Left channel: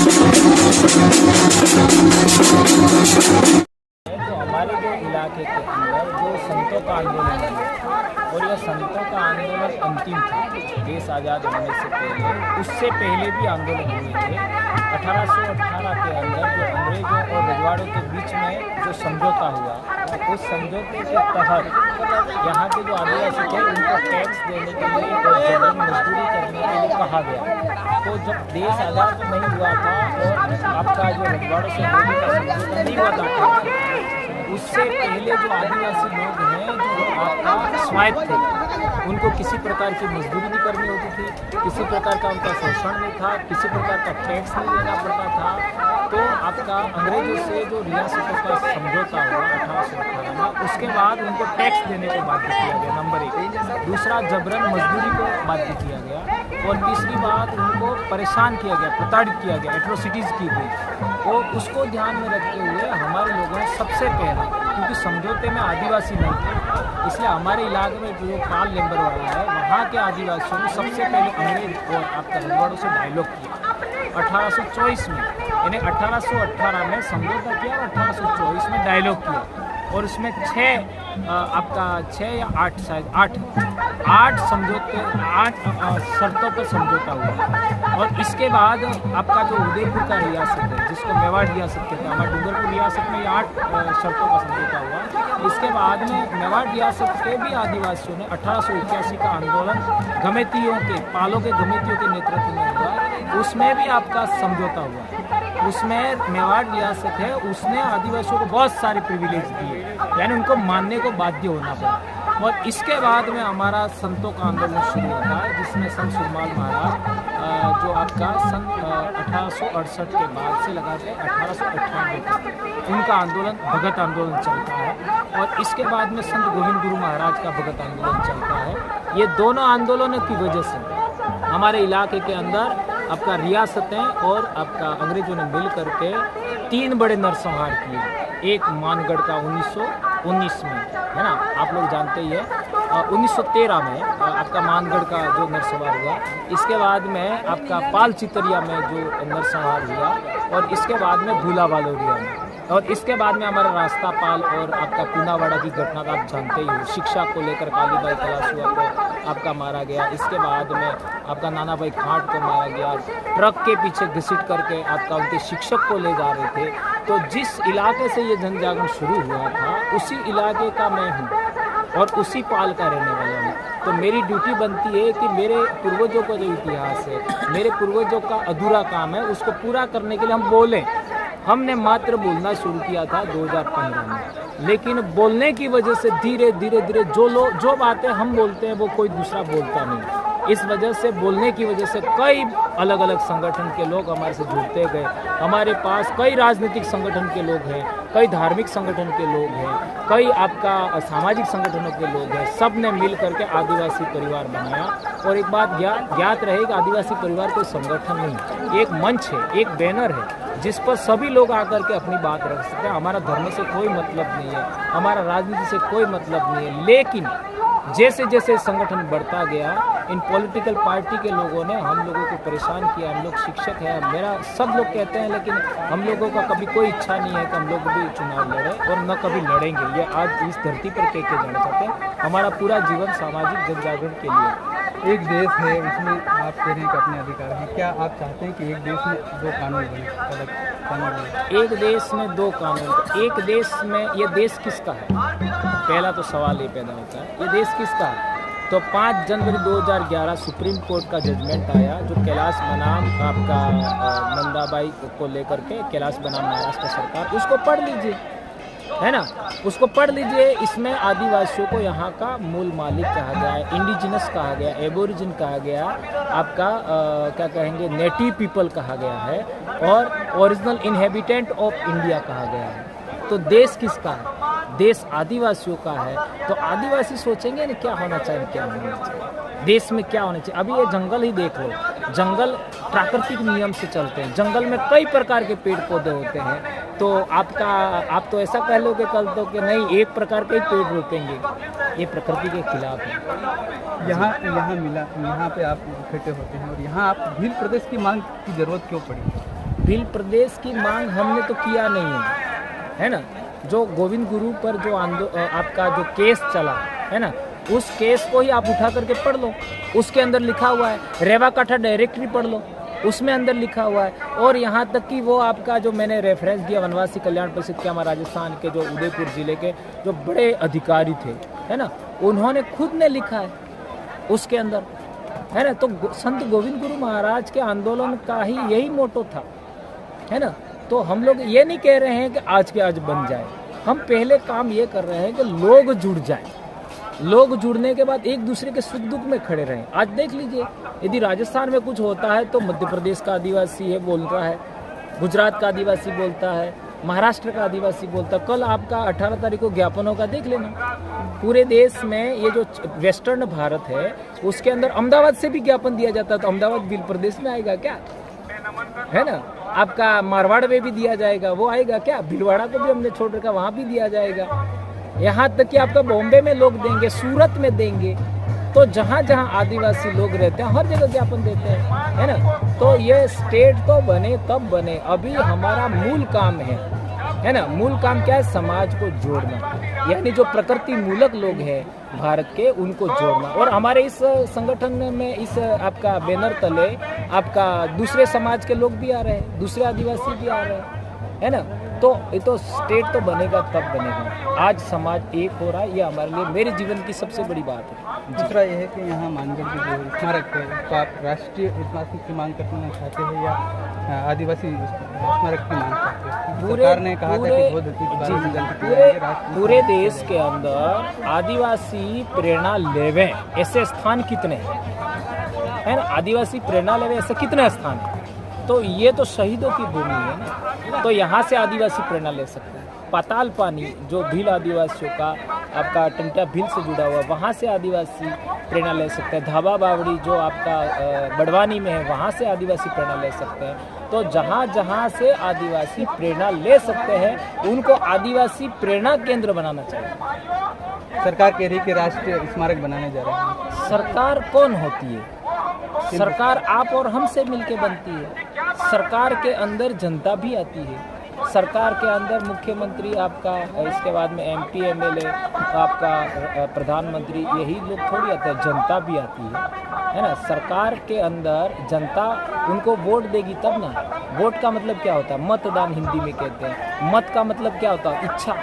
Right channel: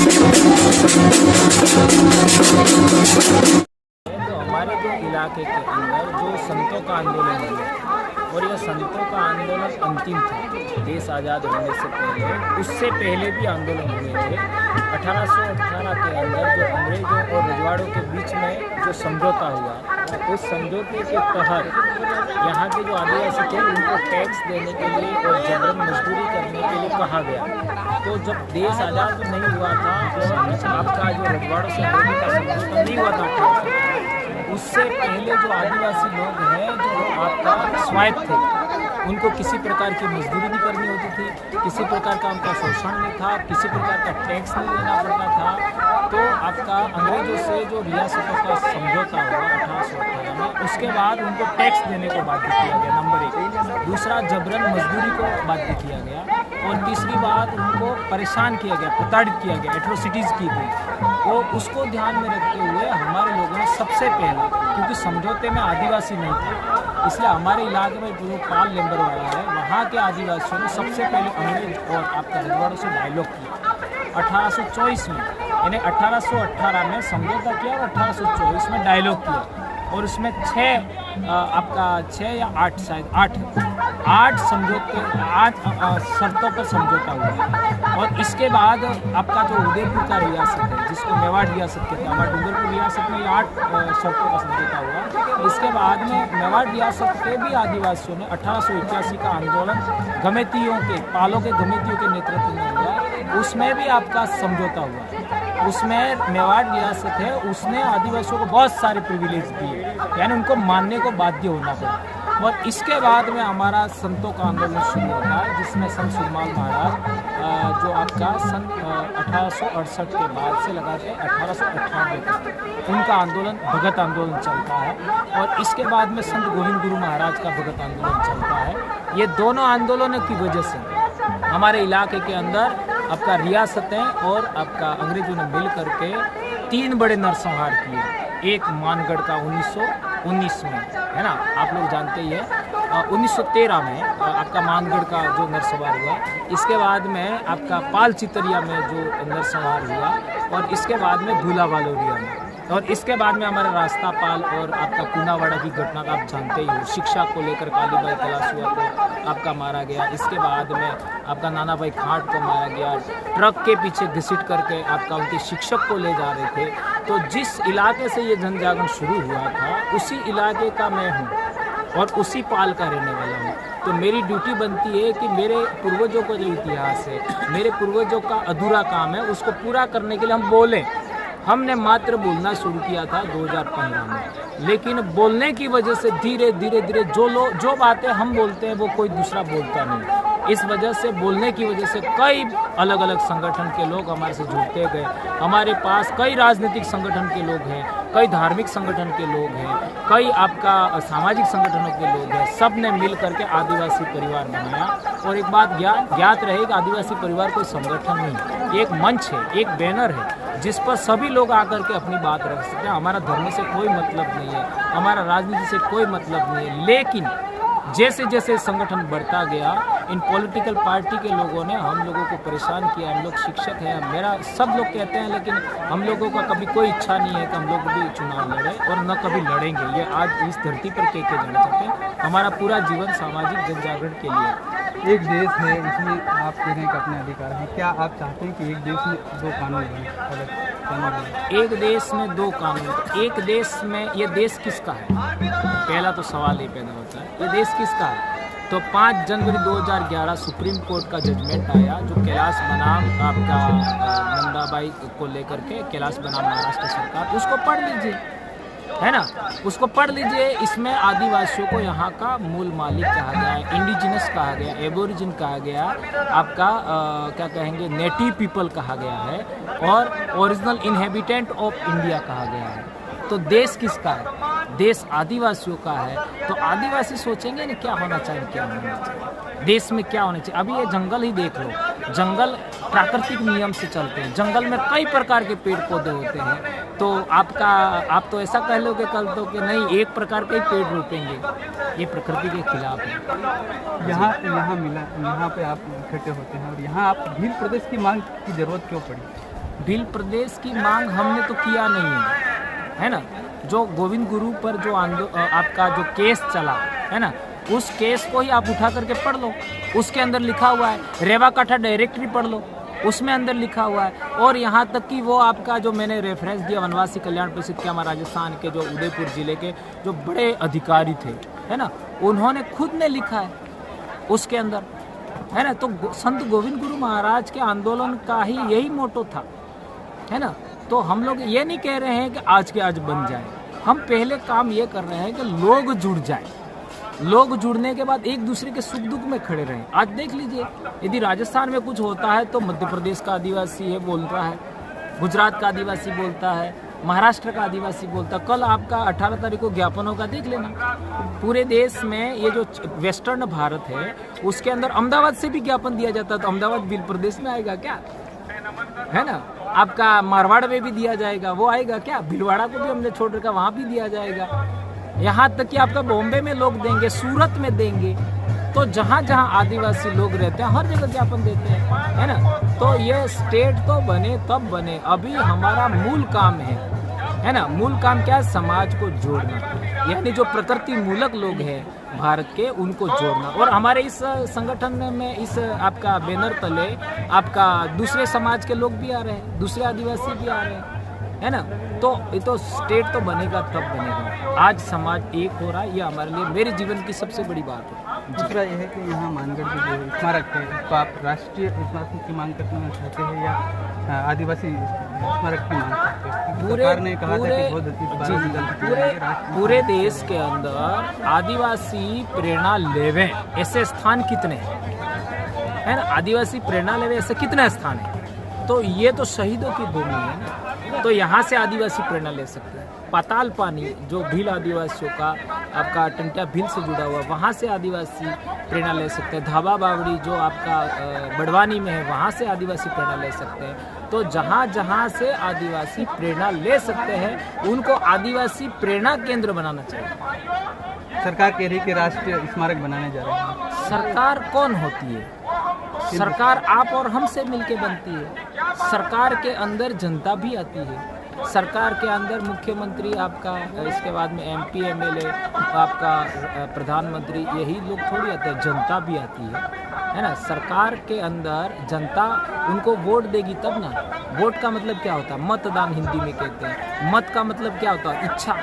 तो हमारे जो इलाके के अंदर जो संतों का आंदोलन हुआ और यह संतों का आंदोलन अंतिम था। देश आज़ाद होने से पहले, उससे पहले भी आंदोलन हुए थे। 1818 के अंदर जो अंग्रेज़ों और रजवाड़ों के बीच में जो समझौता हुआ, उस समझौते के तहत यहाँ के जो आदिवासी थे उनको टैक्स देने के लिए और जबरन मजदूरी करने के लिए कहा गया। तो जब देश आज़ाद नहीं हुआ था और आपका जो रजवाड़ों से अंग्रेजों का समझौता नहीं हुआ था 1818, उससे पहले जो आदिवासी लोग हैं जो आपका स्वायत्त थे, उनको किसी प्रकार की मजदूरी नहीं करनी होती थी, किसी प्रकार का उनका शोषण नहीं था, किसी प्रकार का टैक्स नहीं देना पड़ता था। तो आपका अंग्रेजों से जो रियासतों का समझौता हुआ 1818 में, उसके बाद उनको टैक्स देने को बाध्य किया गया, नंबर 1। दूसरा, जबरन मजदूरी को बाध्य किया गया। और तीसरी बात, उनको परेशान किया गया, प्रताड़ित किया गया, एट्रोसिटीज़ की गई। वो उसको ध्यान में रखते हुए हमारे लोगों ने सबसे पहला, क्योंकि समझौते में आदिवासी नहीं थे, इसलिए हमारे इलाके में जो पाल लेम्बरवाड़ा है, वहाँ के आदिवासियों ने सबसे पहले अंग्रेज और आपका रजवाड़ों से डायलॉग किया 1824 में। यानी 1818 में समझौता किया और 1824 में डायलॉग किया। और उसमें 6 या 8 शायद 8 समझौते, 8 शर्तों पर समझौता हुआ। और इसके बाद आपका जो उदयपुर का रियासत है, जिसको मेवाड़ रियासत कहते हैं, हमारे डूंगरपुर रियासत में ये 8 शर्तों का समझौता हुआ। इसके बाद में मेवाड़ रियासत के भी आदिवासियों ने 1881 का आंदोलन गमेतियों के, पालों के गमेतियों के नेतृत्व में हुआ, उसमें भी आपका समझौता हुआ। उसमें मेवाड़ रियासत है, उसने आदिवासियों को बहुत सारे प्रिविलेज दिए, यानी उनको मानने को बाध्य होना पड़ा। और इसके बाद में हमारा संतों का आंदोलन शुरू होता है, जिसमें संत सुरमाल महाराज जो आपका सन 1868 के बाद से लगा के 1898 तक उनका आंदोलन, भगत आंदोलन चलता है। और इसके बाद में संत गोविंद गुरु महाराज का भगत आंदोलन चलता है। ये दोनों आंदोलनों की वजह से हमारे इलाके के अंदर आपका रियासतें और आपका अंग्रेजों ने मिल करके 3 बड़े नरसंहार किए। एक मानगढ़ का 1919 में, है ना, आप लोग जानते ही है। 1913 में आपका मानगढ़ का जो नरसंहार हुआ। इसके बाद में आपका पाल चितरिया में जो नरसंहार हुआ। और इसके बाद में भूला वालोरिया में। और इसके बाद में हमारा रास्ता पाल और आपका पूनावाड़ा की घटना का आप जानते ही हो। शिक्षा को लेकर कालीबाई कलासुआ को आपका मारा गया। इसके बाद में आपका नाना भाई खाट को मारा गया। ट्रक के पीछे घसीट करके आपका उनके शिक्षक को ले जा रहे थे। तो जिस इलाके से ये जन जागरण शुरू हुआ था, उसी इलाके का मैं हूँ और उसी पाल का रहने वाला हूँ। तो मेरी ड्यूटी बनती है कि मेरे पूर्वजों का जो इतिहास है, मेरे पूर्वजों का अधूरा काम है, उसको पूरा करने के लिए हम बोलें। हमने मात्र बोलना शुरू किया था 2015 में, लेकिन बोलने की वजह से धीरे धीरे जो बातें हम बोलते हैं वो कोई दूसरा बोलता नहीं। इस वजह से, बोलने की वजह से कई अलग अलग संगठन के लोग हमारे से जुड़ते गए। हमारे पास कई राजनीतिक संगठन के लोग हैं, कई धार्मिक संगठन के लोग हैं, कई आपका सामाजिक संगठनों के लोग हैं। सब ने मिल करके आदिवासी परिवार बनाया। और एक बात ज्ञात रहे कि आदिवासी परिवार कोई संगठन नहीं, एक मंच है, एक बैनर है, जिस पर सभी लोग आकर के अपनी बात रख सकते हैं। हमारा धर्म से कोई मतलब नहीं है, हमारा राजनीति से कोई मतलब नहीं है। लेकिन जैसे जैसे संगठन बढ़ता गया, इन पॉलिटिकल पार्टी के लोगों ने हम लोगों को परेशान किया। हम लोग शिक्षक हैं, मेरा सब लोग कहते हैं, लेकिन हम लोगों का कभी कोई इच्छा नहीं है कि हम लोग भी चुनाव लड़ें और न कभी लड़ेंगे। ये आज इस धरती पर कह के जाना चाहते हैं। हमारा पूरा जीवन सामाजिक जन जागरण के लिए। एक देश है, इसमें आप कह रहे हैं कि अपने अधिकार हैं। क्या आप चाहते हैं कि एक देश में 2 कानून बने, अलग कानून बने? एक देश में 2 कानून, तो एक देश में ये देश किसका है? पहला तो सवाल ये पैदा होता है, ये देश किसका है? तो 5 जनवरी 2011 सुप्रीम कोर्ट का जजमेंट आया, जो कैलाश बनाम आपका नंदाबाई को लेकर के, कैलाश बनाम महाराष्ट्र सरकार, उसको पढ़ लीजिए, है ना, उसको पढ़ लीजिए। इसमें आदिवासियों को यहाँ का मूल मालिक कहा गया है, इंडिजिनस कहा गया, एबोरिजिन कहा गया, आपका क्या कहेंगे, नेटिव पीपल कहा गया है, और ओरिजिनल इनहेबिटेंट ऑफ इंडिया कहा गया है। तो देश किसका है? देश आदिवासियों का है। तो आदिवासी सोचेंगे ना क्या होना चाहिए, क्या होना चाहिए, देश में क्या होना चाहिए। अभी ये जंगल ही देख लो, जंगल प्राकृतिक नियम से चलते हैं। जंगल में कई प्रकार के पेड़ पौधे होते हैं। तो आप तो ऐसा कह लो कि कल तो कि नहीं, एक प्रकार के ही पेड़ रोपेंगे, ये प्रकृति के खिलाफ है। यहाँ पे आप इकट्ठे होते हैं और यहाँ आप भील प्रदेश की मांग की जरूरत क्यों पड़ी? भील प्रदेश की मांग हमने तो किया नहीं है ना। जो गोविंद गुरु पर जो आपका जो केस चला है ना, उस केस को ही आप उठा करके पढ़ लो, उसके अंदर लिखा हुआ है। रेवा काठा डायरेक्टरी पढ़ लो, उसमें अंदर लिखा हुआ है। और यहाँ तक कि वो आपका जो मैंने रेफरेंस दिया वनवासी कल्याण परिषद के, हमारे राजस्थान के जो उदयपुर जिले के जो बड़े अधिकारी थे है ना, उन्होंने खुद ने लिखा है उसके अंदर है ना। तो संत गोविंद गुरु महाराज के आंदोलन का ही यही मोटो था है ना। तो हम लोग ये नहीं कह रहे हैं कि आज के आज बन जाए, हम पहले काम ये कर रहे हैं कि लोग जुड़ जाए, लोग जुड़ने के बाद एक दूसरे के सुख दुख में खड़े रहें। आज देख लीजिए, यदि राजस्थान में कुछ होता है तो मध्य प्रदेश का आदिवासी है बोल रहा है, गुजरात का आदिवासी बोलता है, महाराष्ट्र का आदिवासी बोलता है। कल आपका 18 तारीख को ज्ञापन होगा, देख लेना। पूरे देश में ये जो वेस्टर्न भारत है उसके अंदर अहमदाबाद से भी ज्ञापन दिया जाता है, तो अहमदाबाद भील प्रदेश में आएगा क्या, है ना। आपका मारवाड़ में भी दिया जाएगा, वो आएगा क्या। भीलवाड़ा को भी हमने छोड़ रखा, वहाँ भी दिया जाएगा। यहाँ तक कि आपका बॉम्बे में लोग देंगे, सूरत में देंगे। तो जहाँ जहाँ आदिवासी लोग रहते हैं हर जगह ज्ञापन देते हैं, है ना। तो ये स्टेट तो बने तब बने, अभी हमारा मूल काम है ना। मूल काम क्या है, समाज को जोड़ना, यानी जो प्रकृति मूलक लोग हैं भारत के उनको जोड़ना। और हमारे इस संगठन में इस आपका बैनर तले आपका दूसरे समाज के लोग भी आ रहे हैं, दूसरे आदिवासी भी आ रहे हैं, है ना। तो ये तो स्टेट तो बनेगा तब बनेगा। आज समाज एक हो रहा है, ये हमारे लिए मेरे जीवन की सबसे बड़ी बात है। दूसरा ये है कि यहाँ मानगढ़ की जो स्मारक है, तो आप राष्ट्रीय स्मारक की मांग करना चाहते हैं या आदिवासी स्मारक की मांग करते हैं? सरकार ने कहा था कि पूरे देश के अंदर आदिवासी प्रेरणा लेवे ऐसे स्थान कितने हैं, है ना। आदिवासी प्रेरणा लेवे ऐसे कितने स्थान है, तो ये तो शहीदों की भूमि है ना। तो यहाँ से आदिवासी प्रेरणा ले सकते हैं। पाताल पानी जो भील आदिवासियों का आपका टंटिया भील से जुड़ा हुआ, वहाँ से आदिवासी प्रेरणा ले सकते हैं। धाबा बावड़ी जो आपका बड़वानी में है, वहाँ से आदिवासी प्रेरणा ले सकते हैं। तो जहाँ जहाँ से आदिवासी प्रेरणा ले सकते हैं उनको आदिवासी प्रेरणा केंद्र बनाना चाहिए। सरकार कह रही है कि राष्ट्रीय स्मारक बनाने जा रहे हैं। सरकार कौन होती है? सरकार आप और हमसे मिलके बनती है। सरकार के अंदर जनता भी आती है, सरकार के अंदर मुख्यमंत्री आपका, इसके बाद में MP MLA आपका, प्रधानमंत्री, यही लोग थोड़ी आते हैं, जनता भी आती है ना। सरकार के अंदर जनता उनको वोट देगी तब ना। वोट का मतलब क्या होता है, मतदान हिंदी में कहते हैं। मत का मतलब क्या होता है, इच्छा,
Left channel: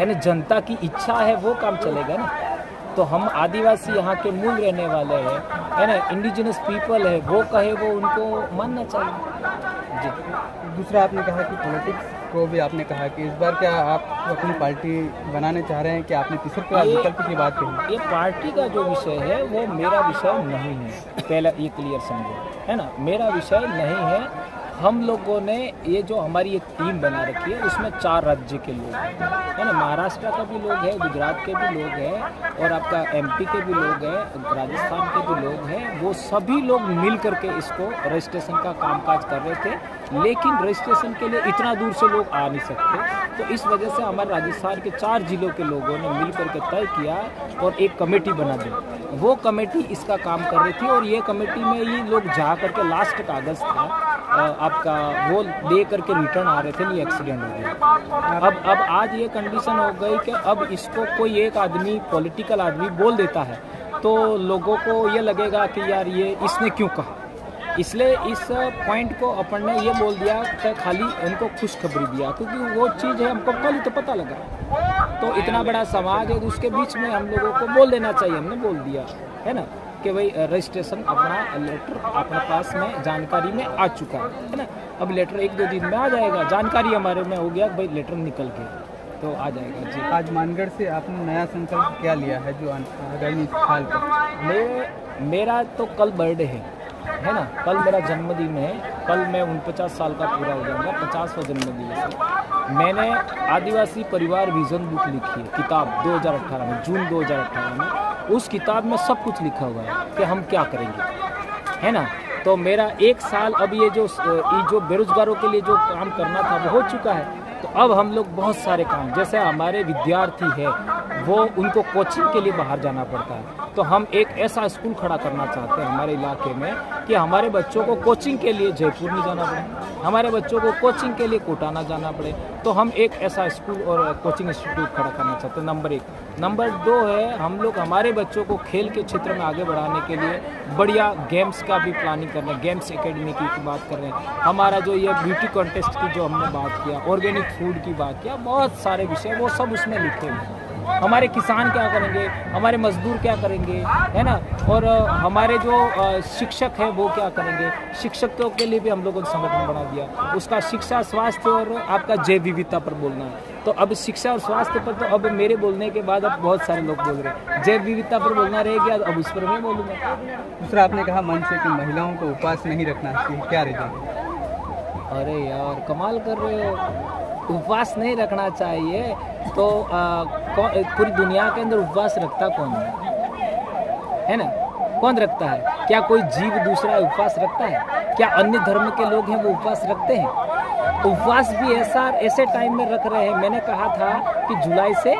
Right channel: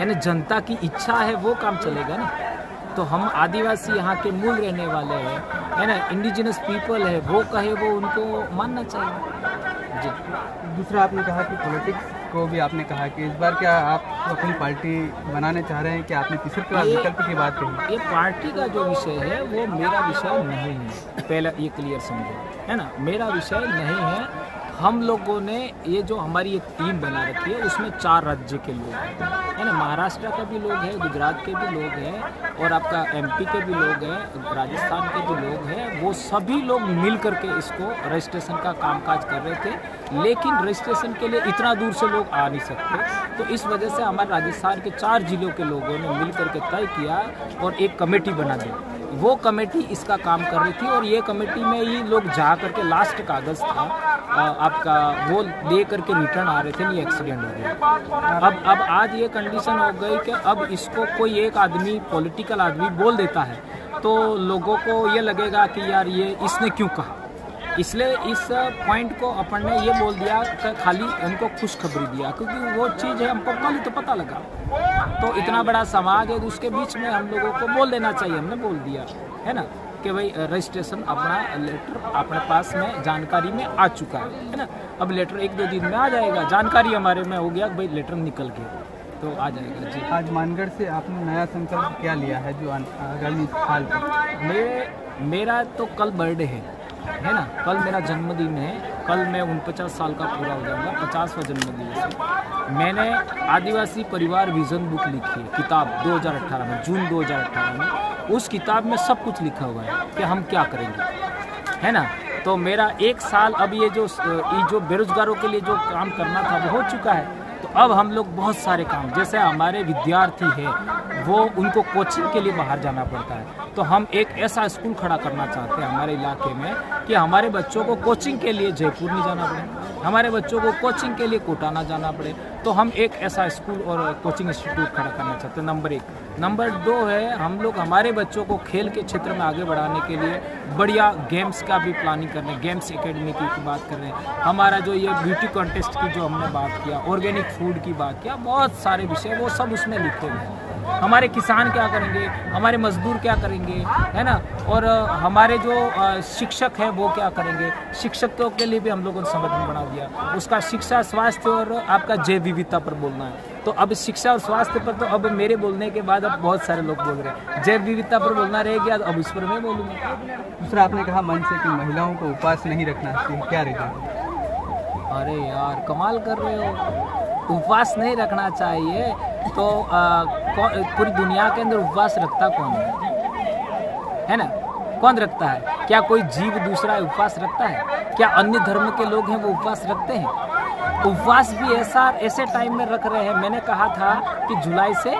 यानी जनता की इच्छा है वो काम चलेगा ना। तो हम आदिवासी यहाँ के मूल रहने वाले हैं, है ना, इंडिजिनस पीपल है, वो कहे वो उनको मानना चाहिए जी। दूसरा आपने कहा कि पॉलिटिक्स को भी आपने कहा कि इस बार क्या आप अपनी पार्टी बनाने चाह रहे हैं कि आपने तीसरे विकल्प की बात कही? ये पार्टी का जो विषय है वो मेरा विषय नहीं है, पहला ये क्लियर समझो, है ना। मेरा विषय नहीं है। हम लोगों ने ये जो हमारी एक टीम बना रखी है उसमें 4 राज्य के लोग हैं, है ना। महाराष्ट्र का भी लोग हैं, गुजरात के भी लोग हैं, और आपका MP के भी लोग हैं, राजस्थान के भी लोग हैं। वो सभी लोग मिल करके इसको रजिस्ट्रेशन का कामकाज कर रहे थे, लेकिन रजिस्ट्रेशन के लिए इतना दूर से लोग आ नहीं सकते। तो इस वजह से हमारे राजस्थान के 4 जिलों के लोगों ने मिल करके तय किया और एक कमेटी बना दी। वो कमेटी इसका काम कर रही थी और ये कमेटी में ही लोग जा करके लास्ट कागज़ था आपका वो दे करके रिटर्न आ रहे थे, नहीं एक्सीडेंट हो गया। अब आज ये कंडीशन हो गई कि अब इसको कोई एक आदमी, पॉलिटिकल आदमी बोल देता है तो लोगों को ये लगेगा कि यार ये इसने क्यों कहा। इसलिए इस पॉइंट को अपन ने ये बोल दिया कि खाली उनको खुशखबरी दिया, क्योंकि वो चीज़ है हमको कल ही तो पता लगा। तो इतना बड़ा समाज है तो उसके बीच में हम लोगों को बोल देना चाहिए, हमने बोल दिया, है ना, कि भाई रजिस्ट्रेशन अपना लेटर अपने पास में जानकारी में आ चुका है ना। अब लेटर 1-2 दिन में आ जाएगा, जानकारी हमारे में हो गया कि भाई लेटर निकल गया, तो आ जाएगा जी। आज मानगढ़ से आपने नया संकल्प क्या लिया है जो आगामी साल का? मेरा तो कल बर्थडे है ना, कल मेरा जन्मदिन है। कल मैं 49 साल का पूरा हो जाऊंगा, 50वां जन्मदिवस है। मैंने आदिवासी परिवार विजन बुक लिखी है, किताब 2018 में, जून 2018 में। उस किताब में सब कुछ लिखा हुआ है कि हम क्या करेंगे, है ना। तो मेरा 1 साल अब ये जो बेरोजगारों के लिए जो काम करना था वो हो चुका है। तो अब हम लोग बहुत सारे काम, जैसे हमारे विद्यार्थी है वो उनको कोचिंग के लिए बाहर जाना पड़ता है। तो हम एक ऐसा स्कूल खड़ा करना चाहते हैं हमारे इलाके में कि हमारे बच्चों को कोचिंग के लिए जयपुर नहीं जाना पड़े, हमारे बच्चों को कोचिंग के लिए कोटा ना जाना पड़े। तो हम एक ऐसा स्कूल और कोचिंग इंस्टीट्यूट खड़ा करना चाहते हैं, नंबर 1। नंबर 2 है, हम लोग हमारे बच्चों को खेल के क्षेत्र में आगे बढ़ाने के लिए बढ़िया गेम्स का भी प्लानिंग कर रहे हैं, गेम्स एकेडमी की बात कर रहे हैं। हमारा जो ये ब्यूटी कॉन्टेस्ट की जो हमने बात किया, ऑर्गेनिक फूड की बात किया, बहुत सारे विषय वो सब उसमें लिखे हुए हैं। हमारे किसान क्या करेंगे, हमारे मजदूर क्या करेंगे, है ना, और हमारे जो शिक्षक है वो क्या करेंगे। शिक्षकों के लिए भी हम लोगों ने संगठन बना दिया, उसका शिक्षा, स्वास्थ्य और आपका जैव विविधता पर बोलना है। तो अब शिक्षा और स्वास्थ्य पर तो अब मेरे बोलने के बाद अब बहुत सारे लोग बोल रहे हैं, जैव विविधता पर बोलना रह गया, अब इस पर मैं बोलूँगा। दूसरा, आपने कहा मंच से कि महिलाओं को उपवास नहीं रखना चाहिए, क्या रीजन? अरे यार, कमाल कर रहे हो, उपवास नहीं रखना चाहिए तो पूरी दुनिया के अंदर उपवास रखता कौन है ना? कौन रखता है? क्या कोई जीव दूसरा उपवास रखता है? क्या अन्य धर्म के लोग हैं वो उपवास रखते हैं? उपवास भी ऐसे टाइम में रख रहे हैं। मैंने कहा था कि जुलाई से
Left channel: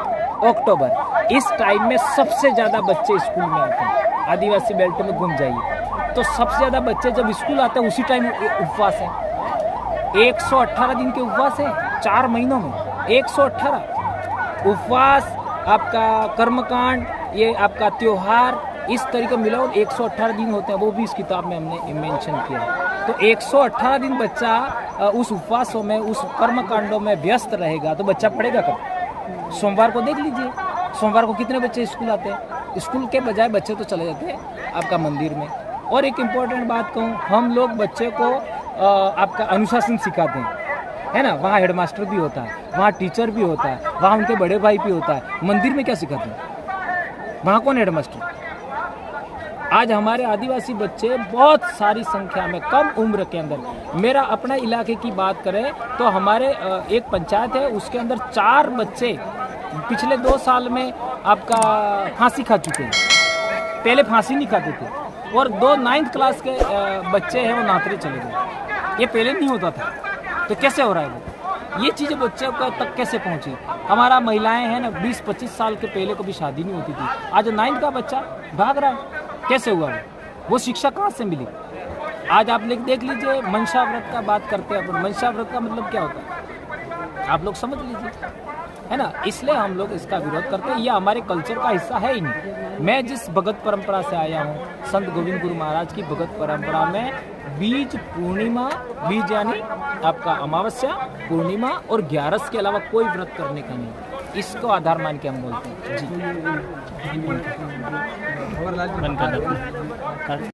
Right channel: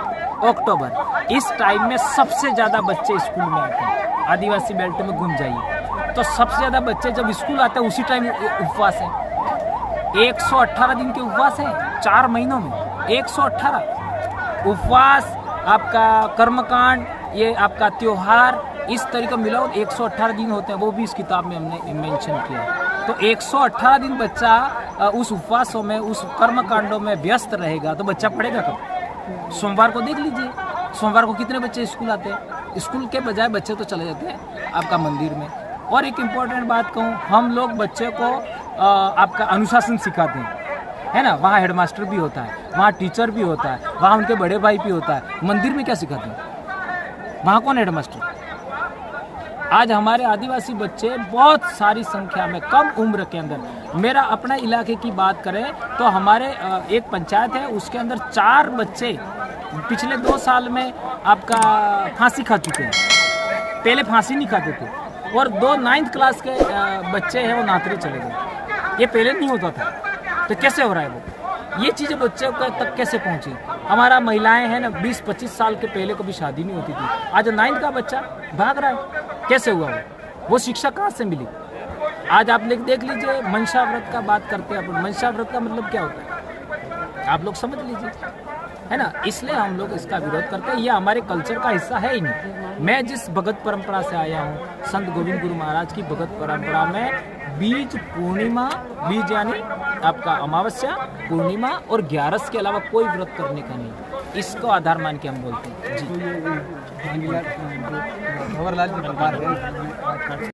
अक्टूबर, इस टाइम में सबसे ज़्यादा बच्चे स्कूल में आते हैं। आदिवासी बेल्ट में घूम जाइए तो सबसे ज़्यादा बच्चे जब स्कूल आते हैं उसी टाइम उपवास है। 118 दिन के उपवास हैं 4 महीनों में, 118 उपवास, आपका कर्मकांड, ये आपका त्योहार, इस तरीके मिलाओ 118 दिन होते हैं, वो भी इस किताब में हमने मेंशन किया। तो 118 दिन बच्चा उस उपवासों में, उस कर्मकांडों में व्यस्त रहेगा तो बच्चा पढ़ेगा कब? सोमवार को देख लीजिए, सोमवार को कितने बच्चे स्कूल आते हैं? स्कूल के बजाय बच्चे तो चले जाते हैं आपका मंदिर में। और एक इम्पॉर्टेंट बात कहूँ, हम लोग बच्चे को आपका अनुशासन सिखाते हैं, है ना। वहाँ हेडमास्टर भी होता है, वहाँ टीचर भी होता है, वहाँ उनके बड़े भाई भी होता है। मंदिर में क्या सिखाते हैं? वहाँ कौन हेडमास्टर? आज हमारे आदिवासी बच्चे बहुत सारी संख्या में कम उम्र के अंदर, मेरा अपने इलाके की बात करें तो हमारे एक पंचायत है, उसके अंदर 4 बच्चे पिछले 2 साल में आपका फांसी खा चुके हैं। पहले फांसी नहीं खाते थे, और 2 9th क्लास के बच्चे हैं वो नातरे चले गए। ये पहले नहीं होता था, तो कैसे हो रहा है वो? ये चीज़ें बच्चे तक कैसे पहुँची? हमारा महिलाएं हैं ना, 20-25 साल के पहले कभी शादी नहीं होती थी, आज 9th का बच्चा भाग रहा है, कैसे हुआ वो शिक्षा कहाँ से मिली? आज आप देख लीजिए, मनसा व्रत का बात करते हैं अपन, मनसा व्रत का मतलब क्या होता है आप लोग समझ लीजिए, है ना। इसलिए हम लोग इसका विरोध करते हैं, ये हमारे कल्चर का हिस्सा है ही नहीं। मैं जिस भगत परंपरा से आया हूँ, संत गोविंद गुरु महाराज की भगत परंपरा में बीज पूर्णिमा, बीज यानी आपका अमावस्या, पूर्णिमा और 11 के अलावा कोई व्रत करने का नहीं, इसको आधार मान के हम बोलते हैं जी।